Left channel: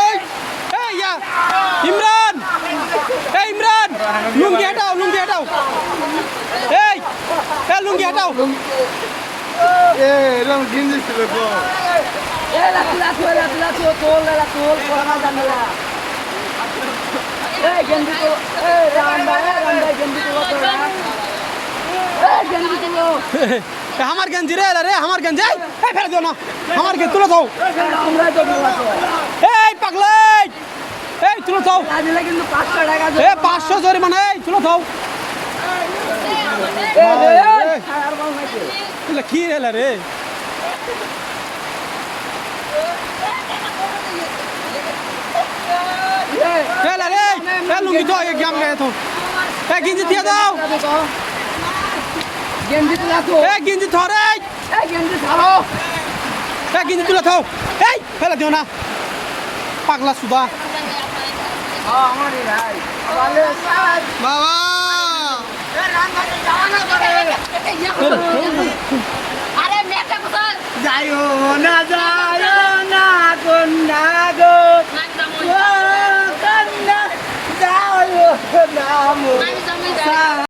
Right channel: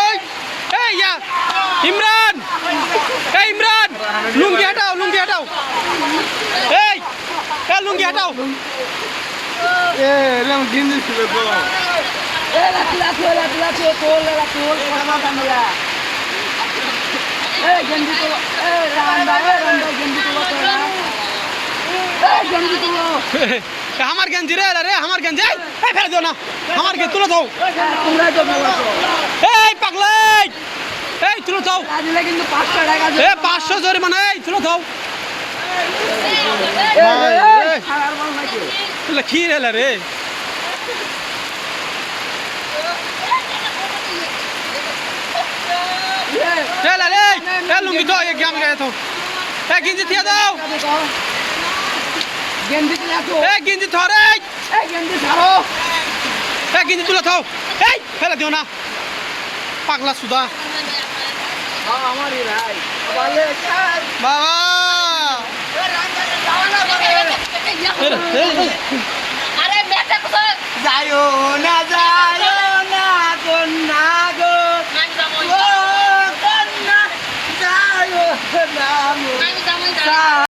এই এই ইয়া ইমরান এই ইমরান লুঙ্গি হটাও এই লুঙ্গি হটাও এরকম গিঞ্জি ছিল তো আমার গেঞ্জি রে আমার গেঞ্জি ফেলে দিও না আমার গেঞ্জি তুলে দাও এই পাগলাই এই তুলে দাও কিন্তু 500 টাকা 500 জরিমানা এই তুলে দাও কি রে রে লুঙ্গি তো গ্রাম গায়ে তো গেঞ্জি দিয়ে দাও গেঞ্জি ধরে গেঞ্জি তুলে থাও এই ফেলে দিও না পাগলা সুদা বাবা যাইও না কন্যা গো কন্যা যাইও না